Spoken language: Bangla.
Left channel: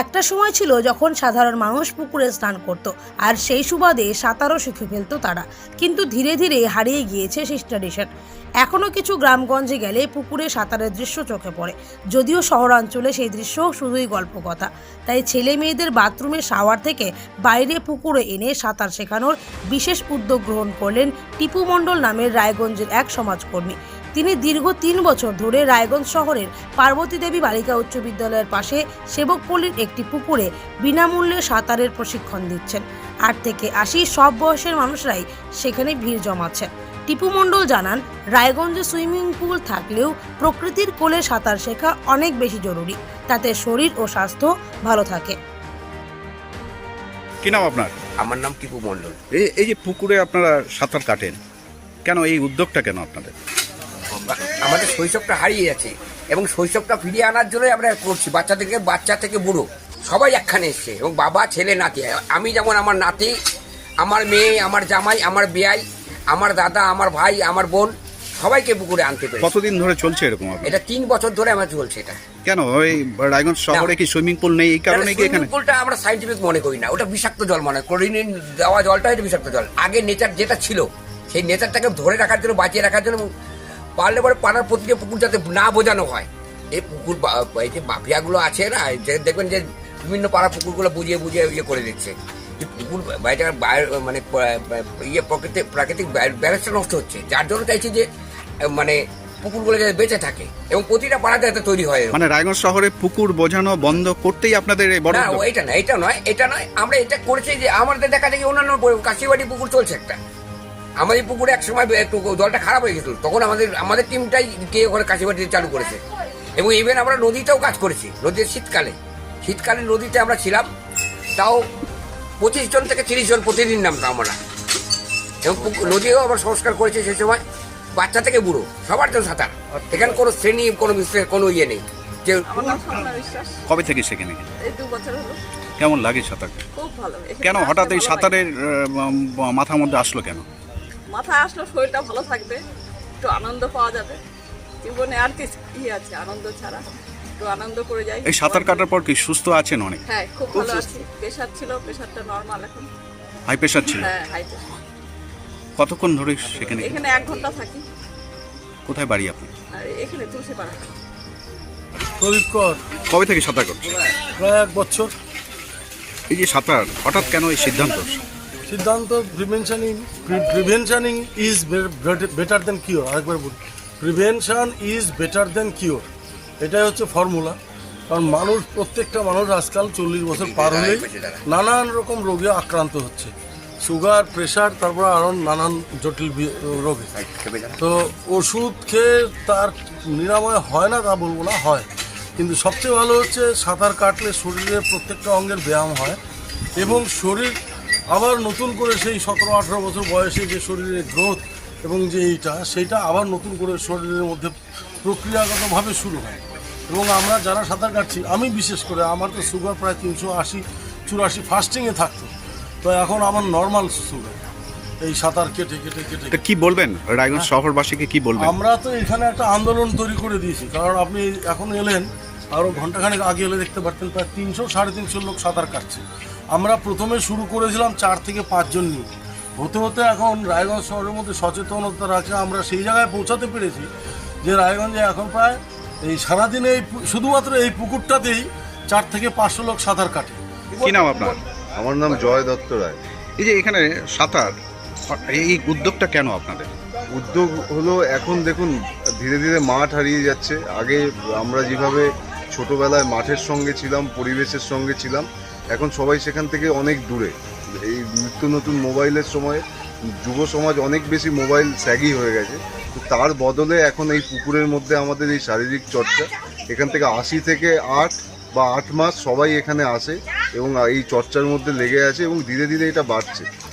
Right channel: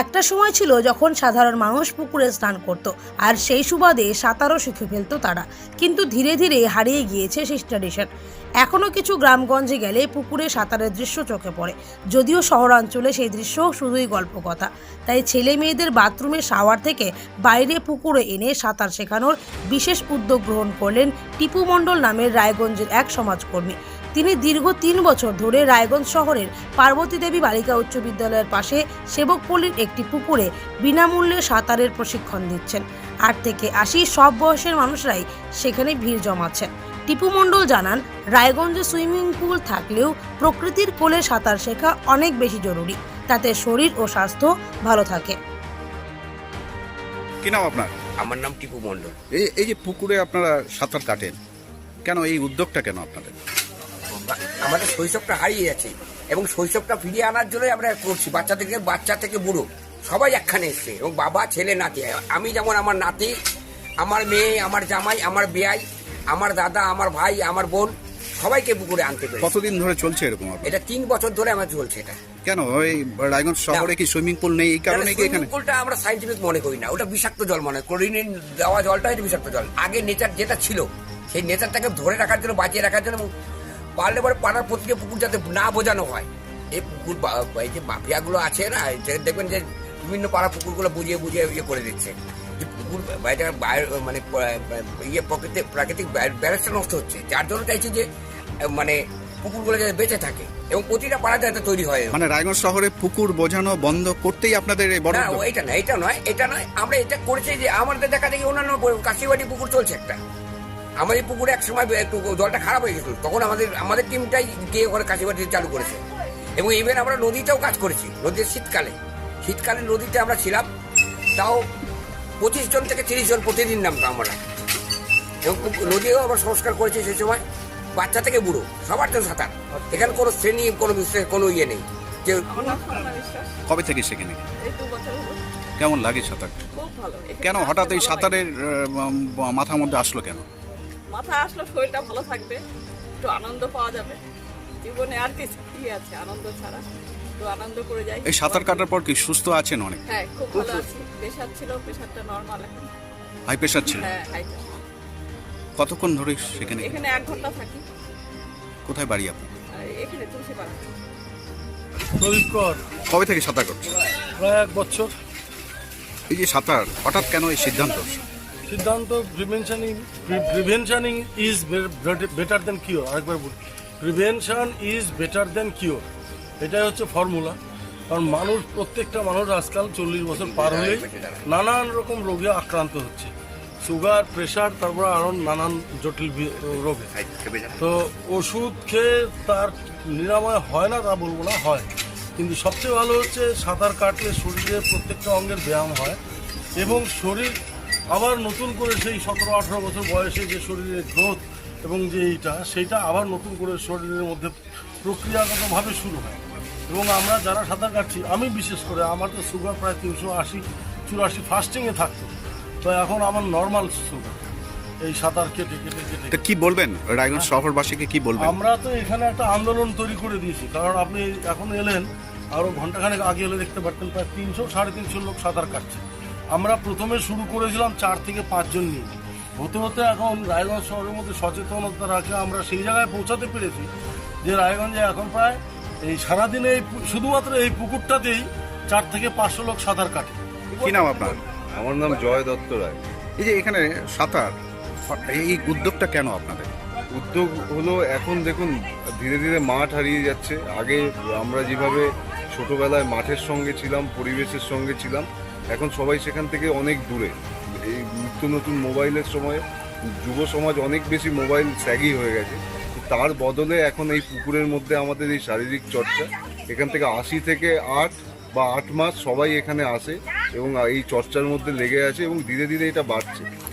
একটা সময় ছিল যখন সাধারণ মানুষ পুকুরে স্নান করত আর সেই সুবাদে সাঁতারও শিখে ফেলতো তারা, কিন্তু ধীরে ধীরে হারিয়ে গিয়েছে সেই ট্র্যাডিশন। এখনও কিছু গ্রামগঞ্জে গেলে পুকুরে সাঁতারের দৃশ্য চোখে পড়ে, যদিও শহরাঞ্চলে সেই দৃশ্য শুধুই গল্প কথা। তাই ছেলে মেয়েদের বাথরুমে শাওয়ার থেকে বাইরে পুকুরে এনে সাঁতার শেখানোর বিশেষ উদ্যোগ গ্রহণ করলেন টিপু মণ্ডল নামের রায়গঞ্জের এক সমাজকর্মী। তিনি দীর্ঘ ৩ বছর ধরে রায়গঞ্জ শহরের পার্বতী দেবী বালিকা উচ্চ বিদ্যালয়ের পাশে সেবকপল্লীর একটি পুকুরে বিনামূল্যে সাঁতারের প্রশিক্ষণ দিচ্ছেন। ৮ থেকে ৮০ সব বয়সের মানুষরাই সেখানে ভিড় জমাচ্ছেন। টিপু মণ্ডল জানান, রায়গঞ্জে সুইমিং পুল থাকলেও প্রকৃতির কোলে সাঁতার শেখা অনেক বেশি জরুরি, তাতে শরীর ও স্বাস্থ্য ভালো থাকে। কি নাম আপনার? আমার নাম টিপু মণ্ডল। এই যে পুকুরে আপনারা সাঁতার কাটেন, কেন এই উদ্যোগটা কেন আপনাদের? আমাদের শৈশবটা হারিয়ে যাচ্ছে এবং শৈশবটা ফিরিয়ে আনার জন্য আমরা করছি। বাচ্চা থেকে বুড়ো সবাই একখানে এসছে, এবং বাবা ছেলে নাতি। আমি যেমন আমার নাতি, আমার মেয়ে, আমার জামাই, আমার বেয়াই, আমার দাদা, আমার ভাই, আমার বোন, সবাইকে পুকুরে আনতে পেরেছি। কতদিন ধরে চলছে এরকম? এটা 3 বছর ধরে আমার চলছে। এটা কেন এই রায়গঞ্জ শহরে কি সুইমিং পুল নেই, এই কারণে কি এখানে? পুলটা আমরা সাইন্টিফিক মনে করি না, ওটা বিষাক্ত জল মনে করি। ক্লোরিন দেওয়া জলটা এটা বিষাক্ত জল। আগে নেচার যেটা ছিল সেই নেচারটাকে ধরে রাখার জন্য, বাঁচিয়ে রাখার জন্য, পারলে পরে পাড়ার প্রতিটা পুকুর যাতে না বোঝানো হয়। এই পুকুর এই যে মাফিয়াগুলো আছে না, দেখবেন যে বিভিন্ন পাড়া পুকুরগুলো বুঝিয়ে বুঝিয়ে ইয়ে করে দিচ্ছে। পুকুর মানে প্রাকৃতিক ব্যালেন্সটা নষ্ট হচ্ছে, যার জন্য চাইছি যে মানে পুকুরগুলো যাতে বেঁচে থাকে এবং প্রতিটা পাড়াতে যাতে তৈরি হয়। মানে রায়গঞ্জ শহরে পুকুর বোঝানো বন্ধ করতেই আপনাদের এই বড়? এটা নয় আমরা এটা করেছি যে আমাদের দেখা দেখি অন্যান্য কাশিবাড়ি পুকুর চলছে একটা। আমাদের পুকুরে এক সময় জলটা খারাপ হয়ে গেছিল, তখন আমাদের টিমটাই গিয়ে ওখানে কাশিবাড়িতে চালু করেছে। এবং ইভেন আমরা নদীতেও কাজ করেছি। নদীর শীতকালে নদীতে আমরা ছিলাম, তাও 25 জন থেকে 30 জন প্রতিদিন নামতাম আমরা। এবং নদীও আমরা সংস্কার করেছি সেই সময়। বাচ্চা থেকে বুড়ো সবার জন্য সাঁতার। এখানে কোনো শ্রেণী, কোনো বিষয়ে কোনো ইয়ে নেই। যে কবে থেকে শিখে নাকি? 2 বছর হলো। কেমন লাগে সাঁতার? খুব ভালো। কেন হঠাৎ এই সাঁতারের মাথার মধ্যে আসলো কেন? মাথায় আসলো শরীরটা ভালো থাকবে, একটু আনন্দ পাওয়া যাবে। জীবনে আর কি আছে আনন্দ ছাড়া? একটু আনন্দ করে যাই। এই সাঁতার কাটার পর কি সুস্থ আছেন অনেক? হ্যাঁ, খুব ভালো আছি। প্রেশার ছিল, প্রেশারটা নরমাল এখন। হাই প্রেশার ছিল? হ্যাঁ, হাই প্রেশার। কতক্ষণ ধরে সেখানে? এখানে 1 ঘন্টা থাকি। কোথায় বাড়ি আপনার? আর এখানে তুলসীপাড়া। কবে থেকে সাঁতার করছেন? প্রায় 1 বছর। এই যে সাঁতার, হঠাৎ কেন এই সিদ্ধান্ত? Prevention is better then cure. আরেকবার বলি, prevention is better then cure. এটাই হচ্ছে ফর্মুলা। কারণ প্রত্যেকটা মানুষ আজকাল 40 বছর পার হলেই নানান রকম রোগে আক্রান্ত হচ্ছে। সুগার, প্রেশার, তারপর আরও নানান জটিল রোগে। তো ওষুধ খেয়ে তার নিরাময় হয় না তা বলবো না, হয়। কিন্তু সবচেয়ে ভালো হচ্ছে সাঁতার কাটলে শরীরের প্রত্যেকটা অঙ্গের ব্যায়াম হয় এবং শরীর আবার নতুন করে সেই 17-18 বছর বয়সে যে শরীরের গ্রোথ এবং যে সেইটা আবার নতুন করে শরীরের মধ্যে প্রক্রিয়াগতভাবে শুরু হয়। এবং আমরা যারা সাঁতার কাটছি, আমি বিশেষ করে, আমার তো সুগার প্রায় 380-84 ফাস্টিংয়ে থাকতো, তো এখন আমার নর্মাল সুগার। এই সাঁতার কেটে কি বলবেন রায়গঞ্জ শহরবাসীকে, কি বলবেন? আমরা তো এখানে একটা আন্দোলন তৈরি করে দিয়েছি। কারণ আপনি এখন এলেন, আরও ঘন্টাখানেক আগে এলে দেখতে পারতেন প্রায় 300-350 লোক সাঁতার কাটছে। আমরা প্রথমে শুরু করেছিলাম 4 থেকে 5 জন নিয়ে। হতে হতে এখন রায়গঞ্জ শহরের মধ্যে সচেতনতা রাখে আমরা সেই জায়গায় পৌঁছাতে পেরেছি যে রায়গঞ্জে এখন প্রায় এই সারাদিনে শুধুমাত্র এই পুকুরটাতেই 4 থেকে 500 লোক সাঁতার কাটে। কি নাম আপনার? আমার নাম জয় দত্ত রায়। এই যে এখানে সাঁতার, এই উদ্যোগটা কেন আপনাদের? উদ্যোগ হলো, এখন দেখুন ধীরে ধীরে মাঠ হারিয়ে যাচ্ছে। আগে আমরা যেভাবে ছোটবেলায় মাঠের সঙ্গে ছিলাম, পরিবেশের সঙ্গে ছিলাম, এখন সবাই সেখান থেকে অনেক দূরে। এই নিত্য নতুন মোবাইলের সময় যুব সমাজ অনেক বেশি মোবাইল স্যাগি হয়ে গেছে। তার বদলে এখন এই পুকুরের মধ্যে আমাদের এই শারীরিক চর্চা, এখান থেকে 80 থেকে 8 বা 8 মাস সবাই এখানে আসে এবং এই চর্চার মধ্যে লেগে আছে এবং ধীরে ধীরে এটা বাড়ছে।